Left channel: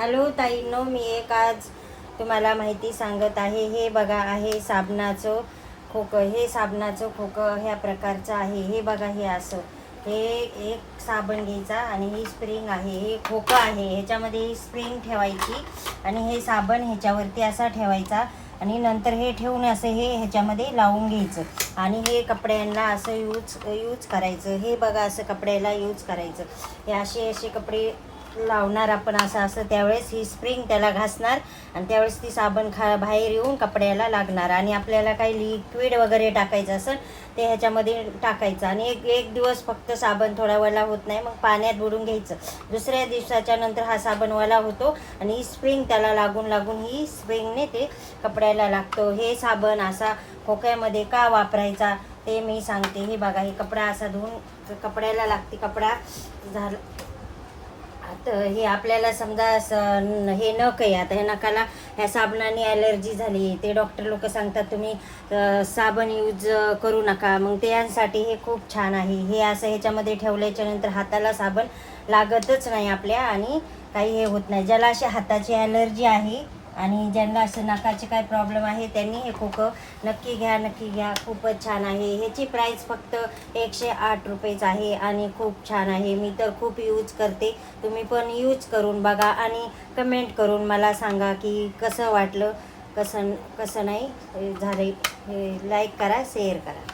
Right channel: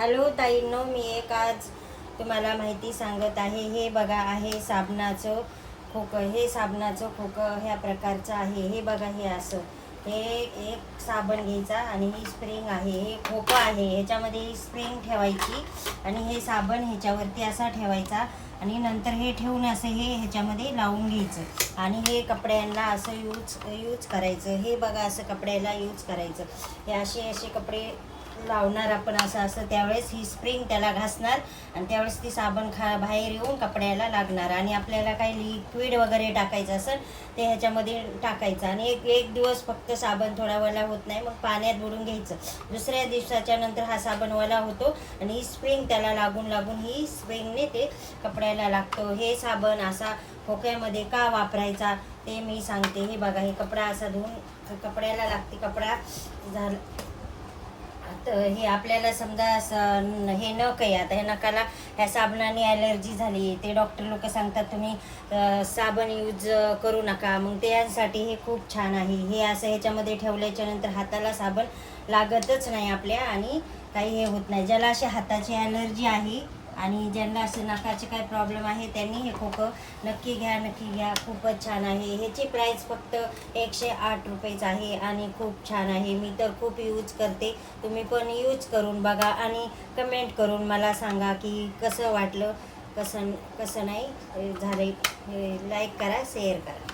Hello ताईंनो मी एक आज तुम्हाला माहिती सांगत आहे. हे बघा आहे साबणाचं खोकं. हे साबणाचं खोकं ह्या प्रकारचं आहे. हे बघा हे असं. हे एक साबण घ्यायचा आणि ही स्प्रिंग आहे. हे खोकं आहे. ह्याच्यामध्ये ही स्प्रिंग ठेवायची आणि हे साबण ह्याच्यावरती असा ठेवायचा आणि नंतर हे ठेवून असं हे ह्याच्यामध्ये लावून घ्यायचं आणि हे कपड्यांना असं यूज यूज करायचं. हे बघा असं कपड्याला यूज करायचं. हे असे असे कपडे लावणार आपण असं असं त्यावेळेस ही स्प्रिंग त्याला घासणार आणि त्यावेळेस ती साबण खा बाहेर येऊन कपड्याला लागणार आणि आपल्याला काही लिक्विड वगैरे टाकायचं असेल ते ह्याच्यामध्ये टाकायचं आणि एक एक दिवस फक्त साबण थोडा वला होत नाही मग पाण्यात बुडून घ्यायचं. दुसऱ्या दिवसाच्या नंतर हा साबण वला होतो आणि ही स्प्रिंग त्याला लागून लागून ही स्प्रिंगने ते कपड्याला लागतो. हे साबण असा खोक्यामध्ये का वापरायचा ते मी सांगते. हे बघा हे कपडा असा धुवून कपड्याला लागते. कपडा झाला तर हे आपल्याला समजा असं हे नख आहे आता हे नकाला ह्या साबणाने ॲलर्जी झाली ते डॉक्टर लोक सांगतात तुम्ही साबण यूज करू नका. मग त्यांसाठी हे खूप छान आहे. हे असं ह्याच्यामध्ये ठेवल्याच्या नंतर हाताला साबण लागतच नाही आपल्या आणि काही हे होत नाही. ज्याला अशी हाताची ॲलर्जी आहे आणि ज्यांना असं नकाचे काय प्रॉब्लेम आहे त्यांनी हे खोकं नक्की घ्या नक्की घ्या. खूपच छान आहे. ह्याची प्राईस फक्त एकशे आठ रुपयेच आहे आणि खूप छान आहे. मी तर खूप यूज करते. तुम्ही पण यूज करून बघा आणि कमेंट करून मला सांगा की कसं वाटलं. कसं कसं नाही झालं लाईक करा शेअर करा.